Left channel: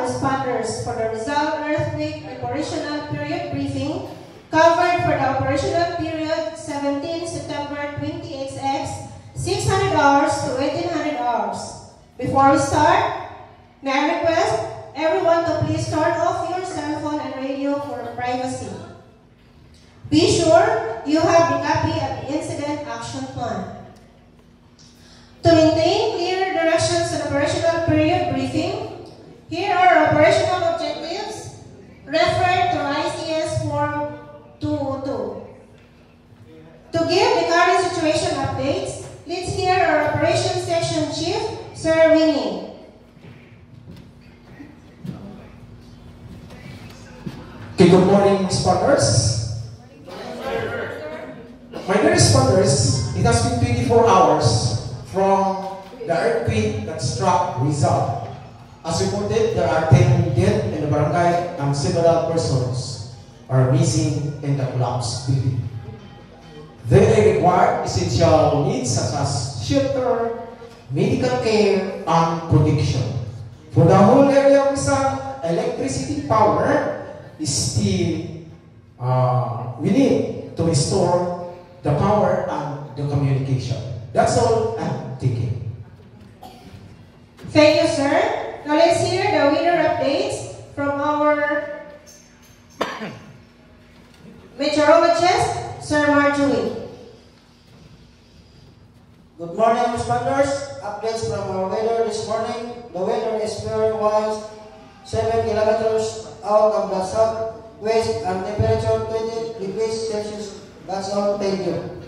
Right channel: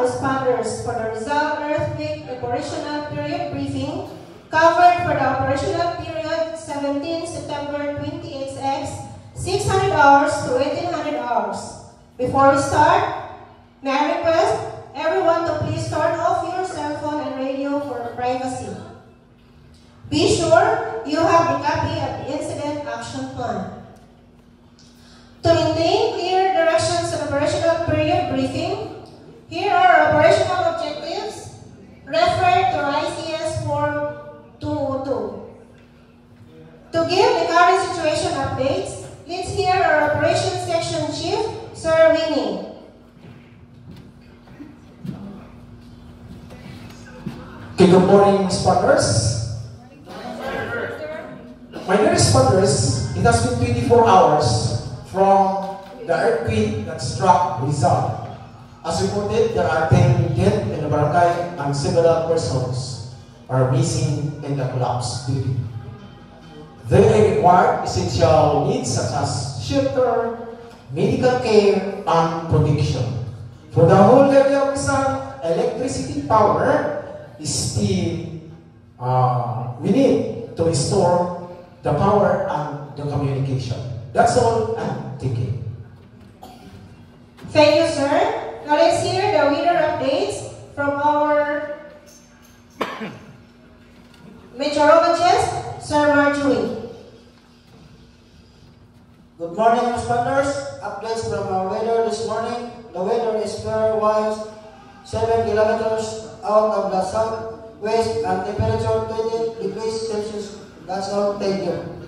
responders for the Rizal Earthquake Operational Period Briefing covered for the operational period 17 September 20XX, 600 hours to 1800 hours. Before we start, may I request everyone to please turn off your cell phone and radio for privacy. Be sure you have a copy of the Incident Action Plan. To maintain clear directions on operational period briefing, here are operational objectives. Refer to ICS Form 202. To give the current situation updates, let's hear our Operations Section Chief, Sir Winnie. Okay, good morning, spotters. My dear spotters, it has been 24 hours from the earthquake that struck Rizal. As reported, there are 10 dead in the barangay and several persons are missing in the collapsed building. They require essential needs such as shelter, medical care, and protection. For the whole area of Rizal, electricity power is still we need to restore the power and the communication. That's all I'm thinking. Thank you, sir. Now let's hear the weather updates from our meteorologist, Sir Marjorie. Good morning, responders. Updates from our weather this morning. The weather is very winds 7 kilometers out of the southwest and temperature 20 degrees Celsius. That's all. Thank you.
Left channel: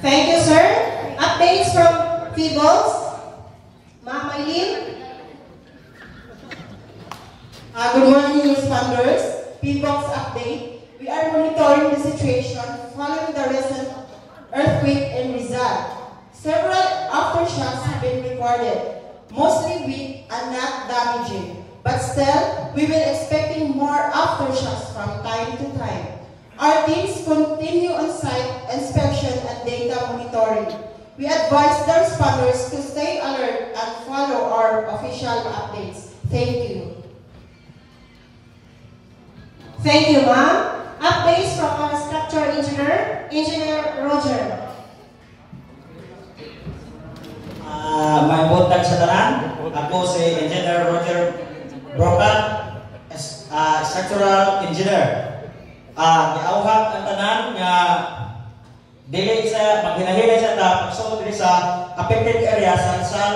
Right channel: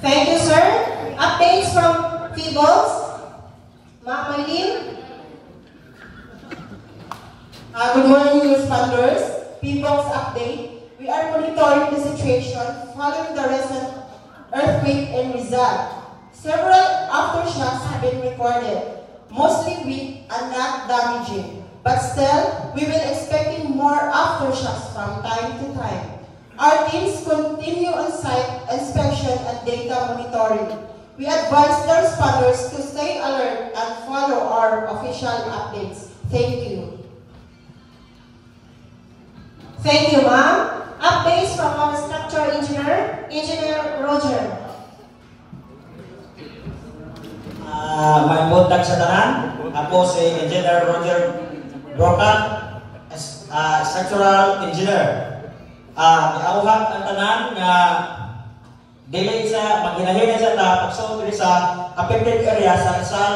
Thank you, sir. Updates from Feebles. Mama Lim. Good morning, responders. Feebles update. We are monitoring the situation following the recent earthquake in Rizal. Several aftershocks have been recorded, mostly weak and not damaging. But still, we will be expecting more aftershocks from time to time. Our teams continue on-site inspection and data monitoring. We advise the responders to stay alert and follow our official updates. Thank you. Thank you, ma'am. Updates from our structural engineer, Engineer Roger. Mabuntag sa tanan. Ako si Engineer Roger Brocan, structural engineer. Giawhag ang tanan nga dili sa maghilahilan sa pagsulod sa affected area sa Rizal